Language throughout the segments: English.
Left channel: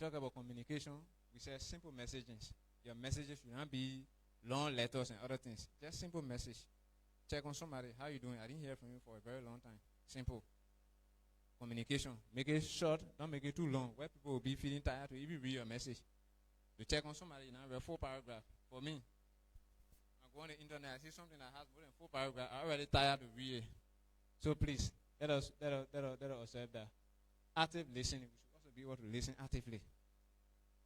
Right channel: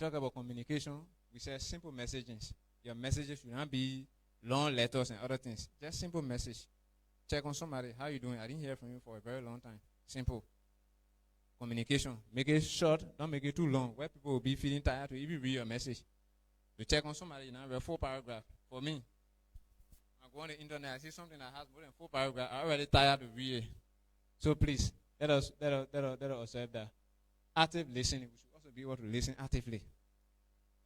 talk about communication, we say simple messages. Your messages should not be long letters and other things. Just simple message. Check on somebody. How you doing? I didn't hear from you for a very long time. Simple. Communication. Make it short. Don't make it too long. Where people will be feeling tired to even read your message. To check on somebody, now read 4 paragraphs. For me, I go on the internet, I see something that has more than 4 paragraphs. I'm already tired to read it. So please, let us observe that. Active listening. We should also be able to listen actively.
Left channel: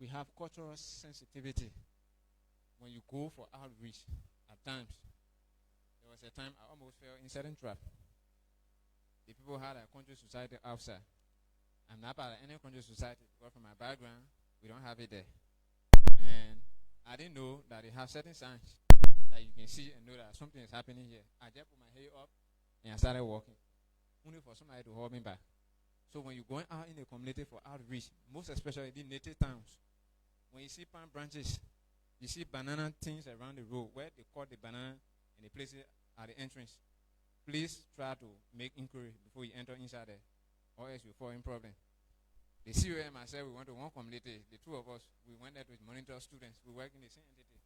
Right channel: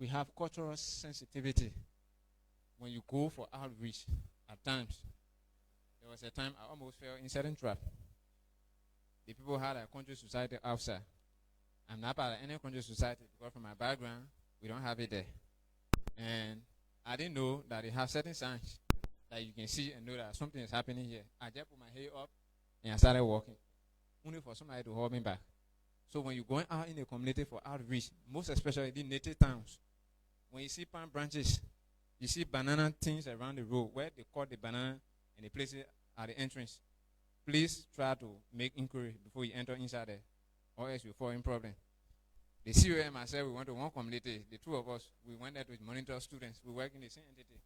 We have cultural sensitivity. When you go for outreach, at times, there was a time I almost fell in certain trap. The people had a country society outside. I'm not part of any country society because from my background, we don't have it there. And I didn't know that they have certain signs that you can see and know that something is happening here. I just put my head up and I started walking. Only for somebody to hold me back. So when you're going out in the community for outreach, most especially the native towns, when you see palm branches, you see banana things around the road where they cut the banana and they place it at the entrance. Please try to make inquiry before you enter inside there, or else you fall in problem. The CEO and myself, we went to one community. The two of us, we went there to monitor students. We work in the same entity.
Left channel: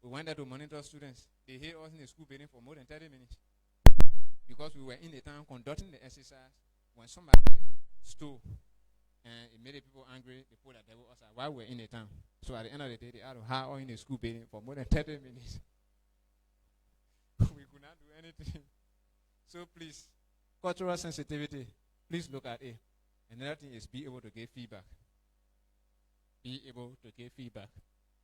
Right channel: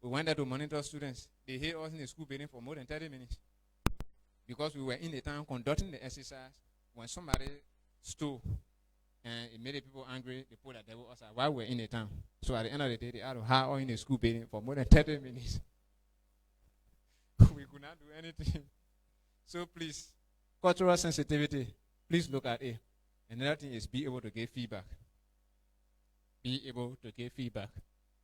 We went there to monitor students. They hid us in the school building for more than 30 minutes. Because we were in the town conducting the exercise. When somebody stole and it made the people angry, they put the devil outside while we were in the town. So at the end of the day, they had to hide us in the school building for more than 30 minutes. We could not do anything. So please, cultural sensitivity, please look at it. Another thing is be able to give feedback. Be able to give feedback.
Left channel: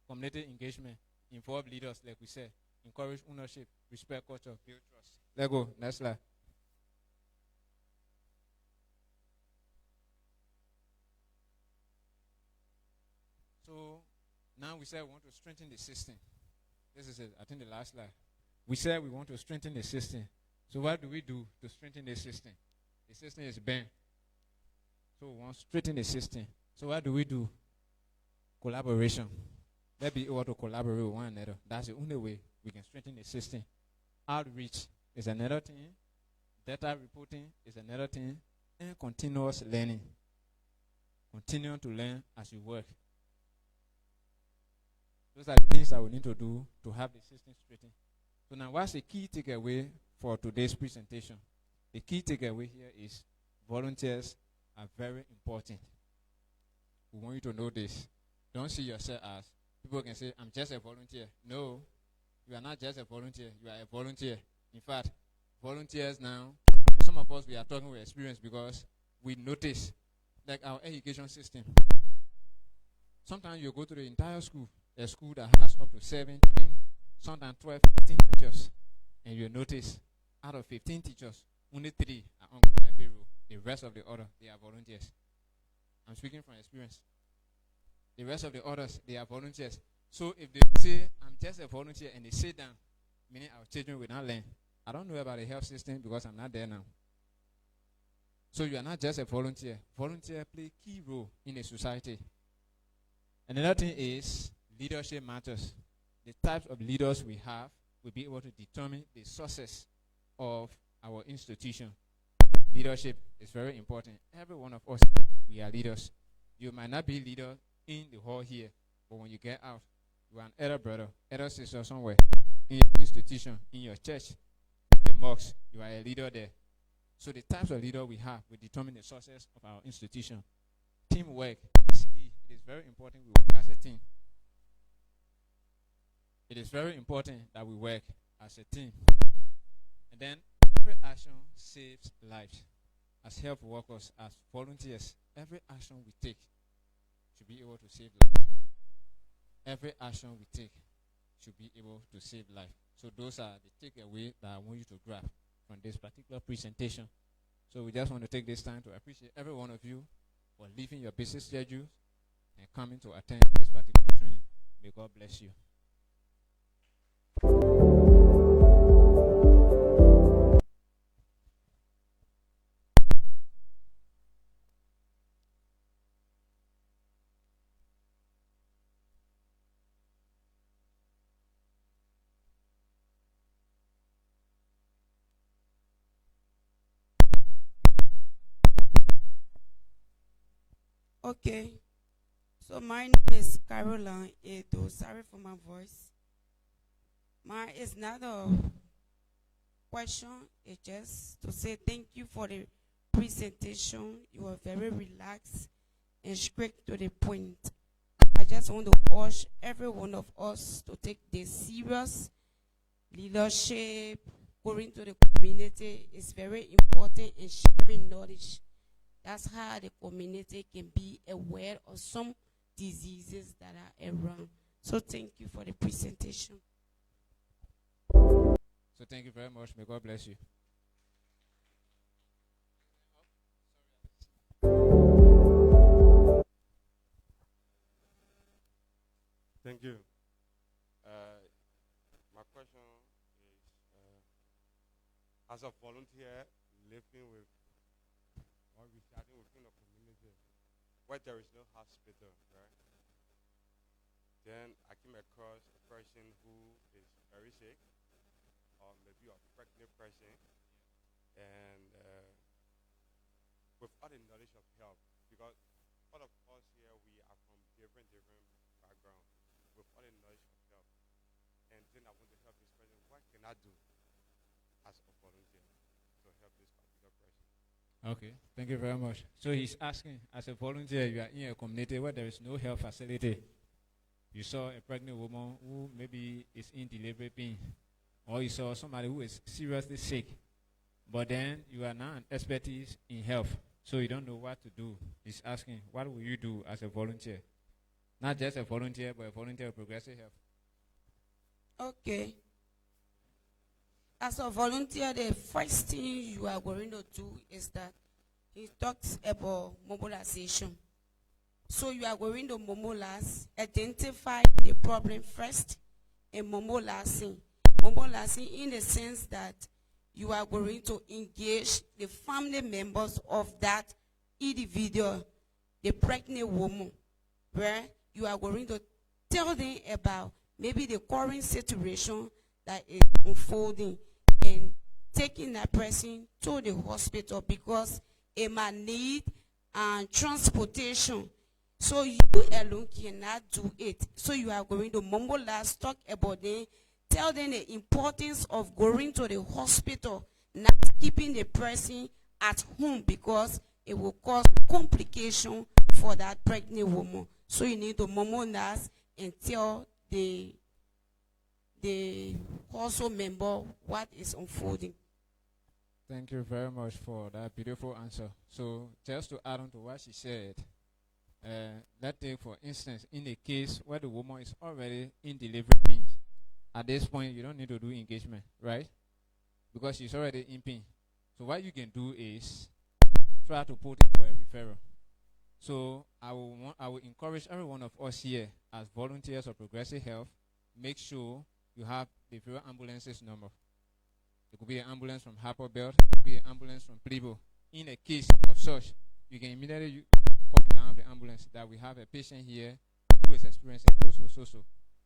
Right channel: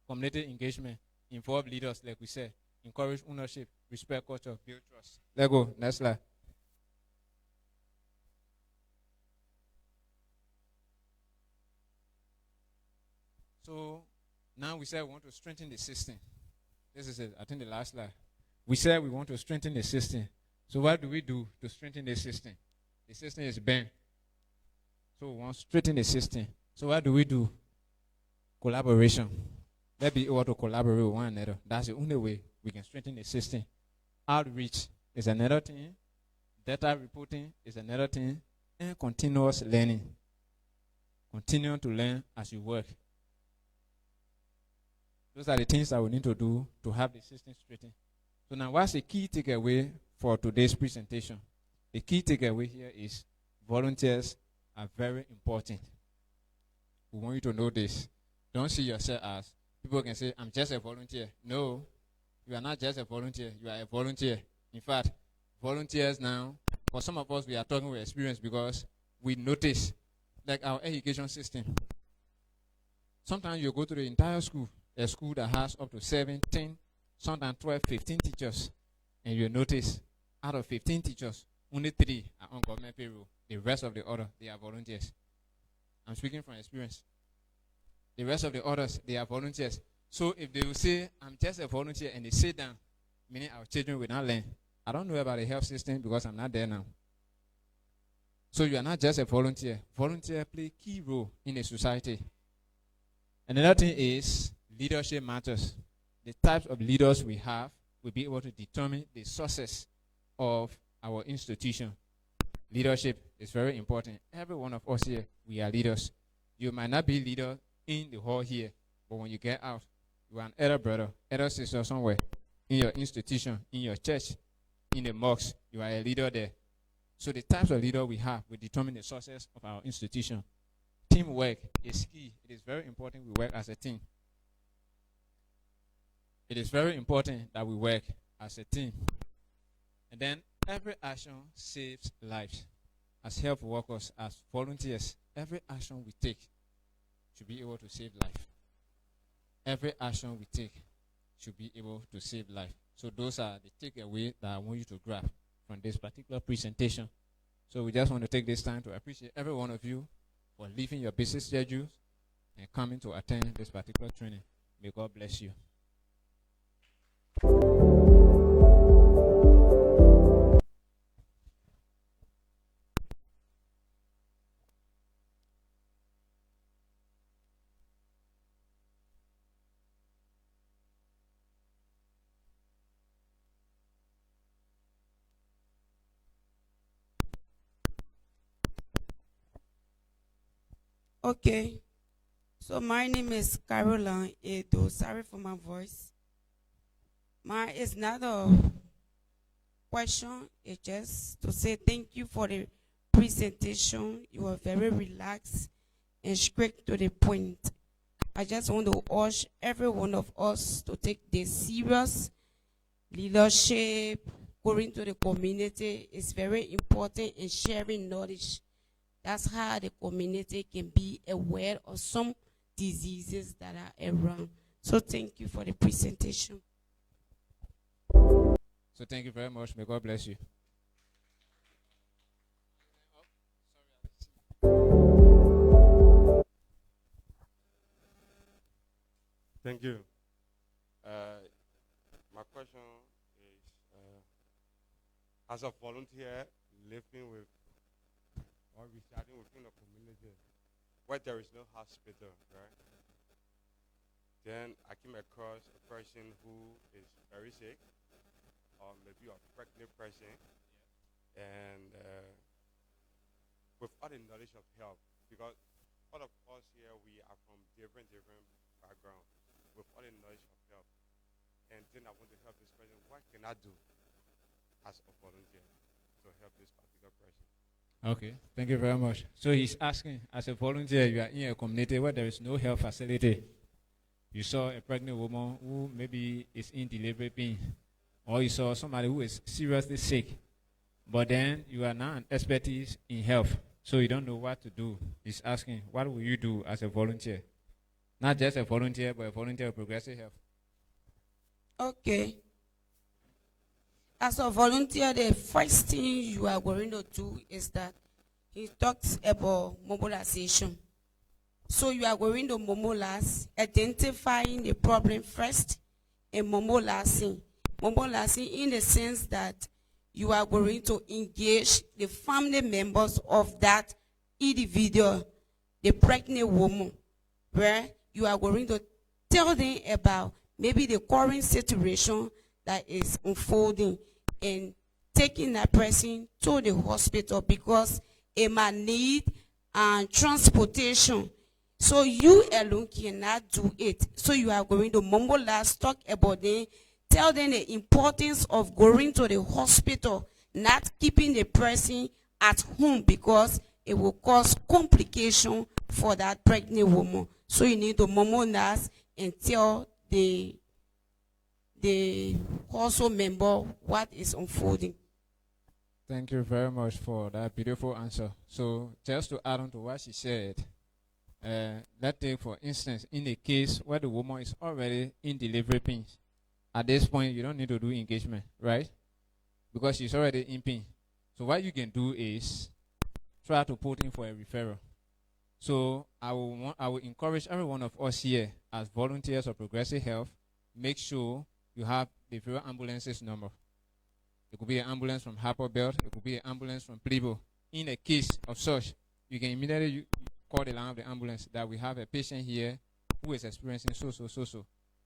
Community engagement, involve leaders, like we said, encourage ownership, respect culture, build trust. Let's go. Next slide. So now we said we want to strengthen the system. This is it. I think the last slide. We said we want to strengthen the system. So what do we do to strengthen the system? The system is bent. So we want to strengthen the system. So what do we do? Collaboration. Let's be able to collaborate with one another. That's the only way we can strengthen the system. Outreach is another thing. Data reporting is another thing. And continuous learning. Continue to learn as you work. Those are the things that we need to do to have the system straightened. So now what's the key takeaway for today's presentation? The key takeaway here is volunteers are very important. We want you to know this. Don't see yourself as, people can say, I'm just a volunteer. No, you are not just a volunteer. You are a volunteer. In fact, volunteers now, for some of us, we are talking with experience because we notice, like our education system. Sometimes you go to the entire school, a school that has up to 17, sometimes 12, 15 teachers, and you notice out of 15 teachers, only 3 are on government payroll. The rest of the other, they are volunteers. I'm speaking from experience. The rest of the others, they are volunteers. So if they will say, I'm just a volunteer, and they sit down, meaning our children will not learn. I don't know about the health system because I'm not there now. So you are not just a volunteer. Volunteer play key role in a society. Another thing is leadership matters. The types of leaders we have will be able to determine the success of our institution. Leadership is very important. Every one of us here, we are leaders. You might not be leader in the hall here, but when you get out, you are an elder brother, elder sister somewhere, in your institution, in your church, in the mosque, you are a leader there. So the types of leader we have will determine the success of our institution. Teamwork is key. It is very important we work as a team. It is very important that we work as a team. And then every action saves lives. As health workers, as volunteers, every action we take should be able to save life. Every action we take should be able to save life. So those are the takeaways that I want you to grab from this particular presentation. So we just want to take this time to appreciate every one of you for leaving your busy schedules and coming to attend this particular training. May God bless you. Okay. So my name is Caroline Edo. Sorry for my voice. My It's not a question. It's just to say thank you for the presentation. You were very relaxed and straight to the point. I just want to urge every one of us to take this serious. Leadership, going to the community is very important in sharing knowledge. That's how the community can be aware of some diseases that are around. So thank you for the presentation. So thank you very much. May God bless you. Thank you. My question is, as a volunteer living with or residing within a community where there is no hospital, right? Then I came across a person who is very sick, or maybe a pregnant person, and with all the knowledge of health, because all of us here we are from different backgrounds, with all the knowledge of health, and then I want to help this person. What can I do as a volunteer to help this particular person? Okay, thank you very much. So he's asking, as a volunteer, you are in a community where there is no health facility. You saw a pregnant woman who maybe is in delivery pain, or you saw somebody who is seriously sick, but then you are now an expertise in health, so you don't know what to do. He's asking, what will you do as a volunteer? Not just a volunteer, but a volunteer of progressive health. Okay. As a volunteer, the first thing you are going to do is that he talks about mobilization. So you are going to mobilize, identifying the problem first, and mobilizing. Mobilizing in the sense that you are going to engage the family members of that individual, the pregnant woman, where you are going to tell them about maybe the current situation that is unfolding and taking that person to the hospital because it might need transportation. So you alone cannot do it. So you are going to mobilize, talk about them, tell them the importance of going to the hospital, not keeping the person at home because it will cause complication for that pregnant woman. So you need to mobilize and tell the household member what is unfolding. Thank you very much for that beautiful answer. So just to add on to what she said, let's take for instance, in a case where the woman is already in delivery pains, at this point you don't need to do engagement, right? Because she's already in pain. So what you can do is try to put in for a referral. So I will encourage every one of us here as volunteers of Progressive Health, make sure you have the referral ambulances number. It could be an ambulance from Harper Belt, it could be an ambulance from Plebo. In a case of such, you can immediately call the line of the ambulance that we have a patient here who is experiencing so,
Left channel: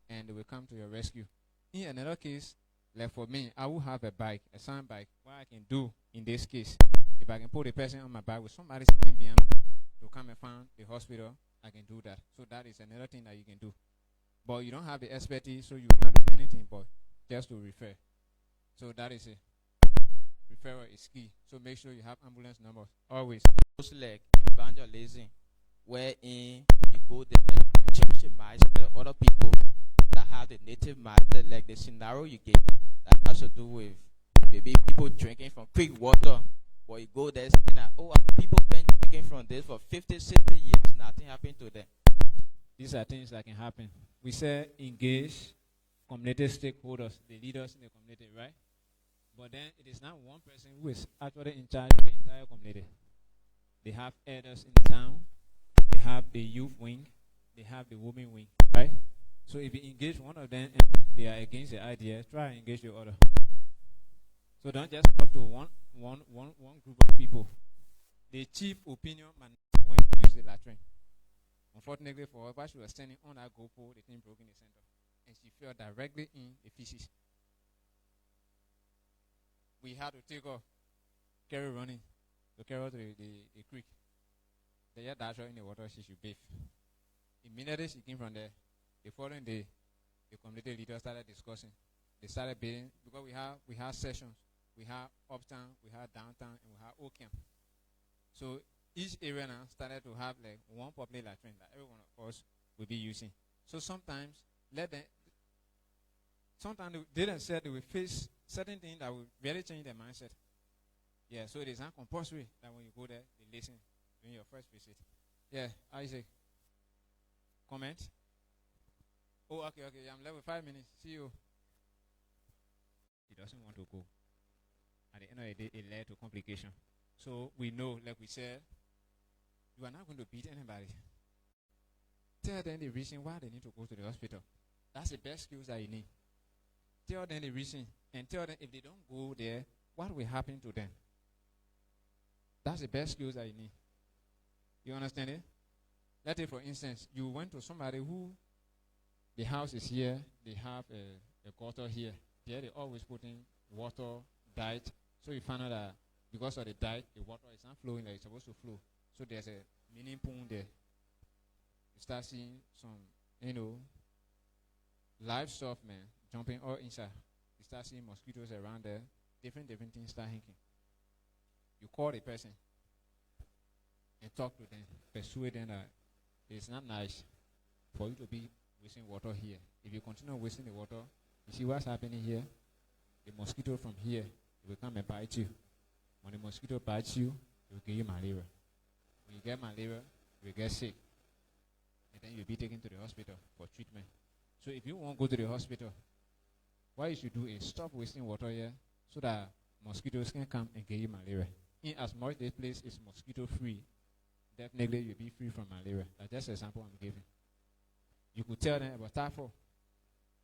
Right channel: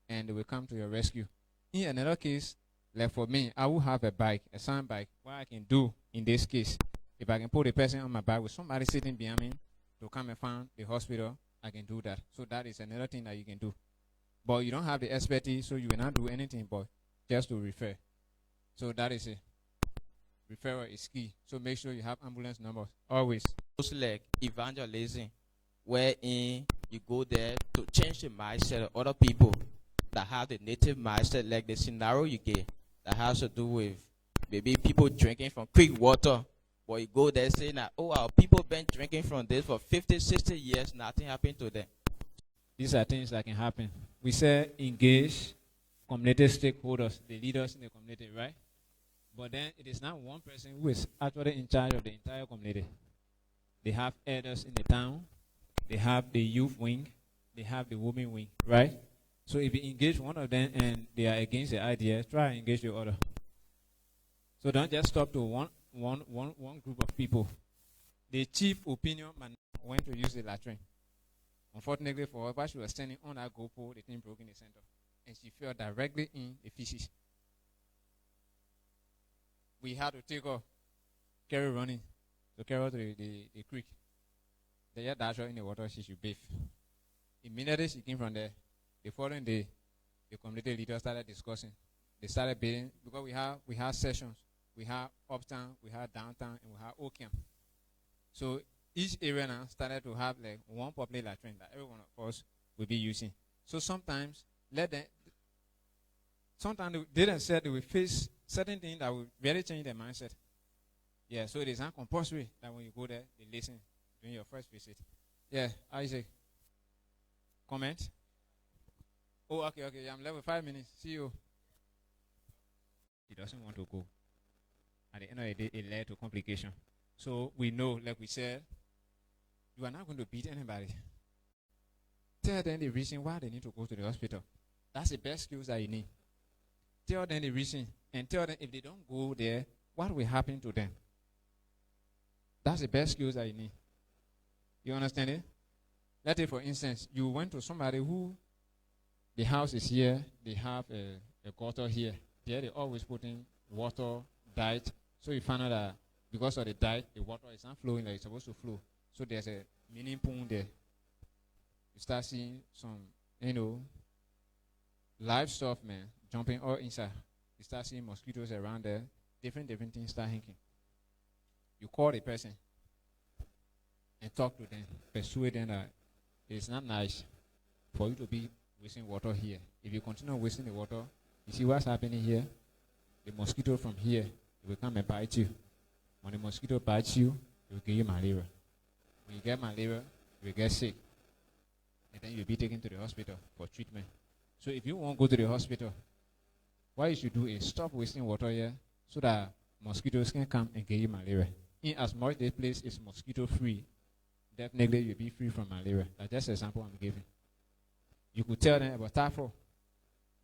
and they will come to your rescue. In another case, like for me, I will have a bike, a sound bike. What I can do in this case, if I can put a person on my bike with somebody sitting behind me to come and find the hospital, I can do that. So that is another thing that you can do. But you don't have the expertise, so you will not do anything but just to refer. So that is it. Referral is key. So make sure you have ambulance numbers always. It's like evangelism, wherein you go there to change the mindset of other people that have the native mindset, like the scenario you get that has to do with maybe people drinking from creek water. But you go there saying that, oh, our people been drinking from this for 50, 60 years, nothing happened to them. These are things that can happen. We say engage community stakeholders, the leaders in the community, right? But then it is not one person who is actually in charge of the entire community. They have elders in the town, they have the youth wing, they have the women wing, right? So if you engage one of them and they are against the idea, try and engage the other. So don't just stop to one group of people. The chief opinion man went to use the latrine. Unfortunately for her, while she was standing on that GoPro, the thing broke in the center. And she fell directly in the feces. We had to take her, carry running, to carry her to the creek. They just dash her in the water, she should bathe. Immediately she came from there, the following day, the community leaders started discussing. They started bidding because we have sessions. We have uptown, we have downtown, and we have Oakham. So each area now started to have like one popular latrine that every one of us will be using. So sometimes they themselves they will face certain things that will really change their mindset. Yeah, so it is not compulsory that when you go there, they listen during your first visit. Yeah, Isaac. Comment? Oh, okay. I'm left with 5 minutes. See you. He doesn't want to go. At the end of the day, it led to complication. So we know, like we said, you are not going to beat anybody. Tell them the reason why they need to go to the hospital. That's the best skills that you need. Tell them the reason, and tell them if they don't go there, what will happen to them. That's the best skills that you need. You understand it? Let's say, for instance, you went to somebody who the house is here, they have a gutter here. There they always put in water, diet. So you find out that because of the diet, the water is not flowing like it's supposed to flow. So there's a mini pool there. You start seeing some, live stuff, man, jumping all inside. You start seeing mosquitoes around there. Different things start hinking. You call the person and talk to them, persuade them that it's not nice for you to be wasting water here. If you continue wasting the water, you see what's happening here? The mosquito from here will come and bite you. When the mosquito bites you, it will give you malaria. When you get malaria, you will get sick. And then you'll be taken to the hospital for treatment. So if you won't go to the hospital, what you should do is stop wasting water here so that mosquitoes can come and give you malaria. In as much this place is mosquito free, definitely you'll be free from malaria. That's just an example I'm giving. You could tell them about TAFO.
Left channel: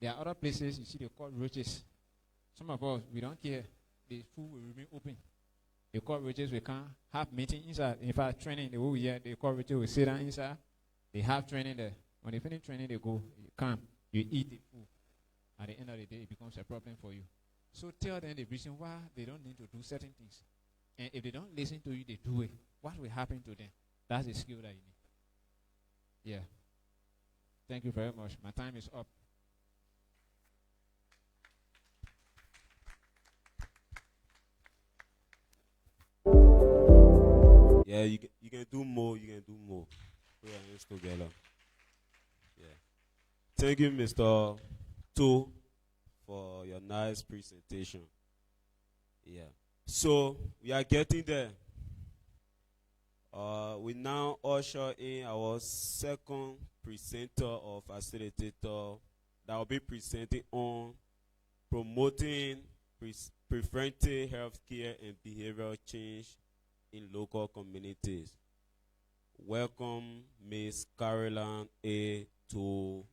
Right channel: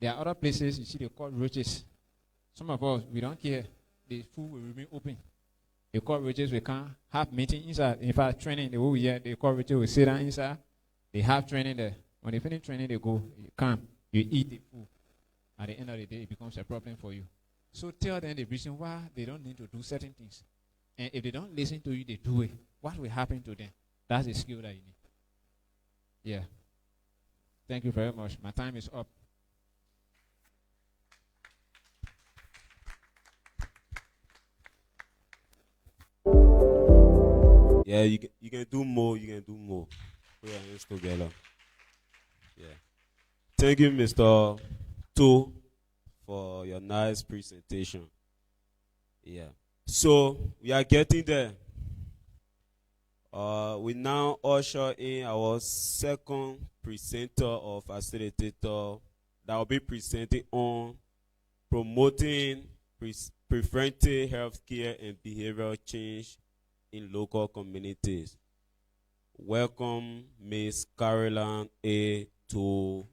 There are other places you see they call roaches. Some of us, we don't care. The food will remain open. The cockroaches, we can't have meeting inside. In fact, training, the whole year, the cockroaches will sit down inside. They have training there. When they finish training, they go, you come, you eat the food. At the end of the day, it becomes a problem for you. So tell them the reason why they don't need to do certain things. And if they don't listen to you, they do it. What will happen to them? That's the skill that you need. Yeah. Thank you very much. My time is up. Yeah, you can do more. You can do more. Put your hands together. Yeah. Thank you, Mr. To, for your nice presentation. Yeah. So we are getting there. We now usher in our second presenter or facilitator that will be presenting on promoting preventive healthcare and behavioral change in local communities. Welcome, Ms. Caroline A. To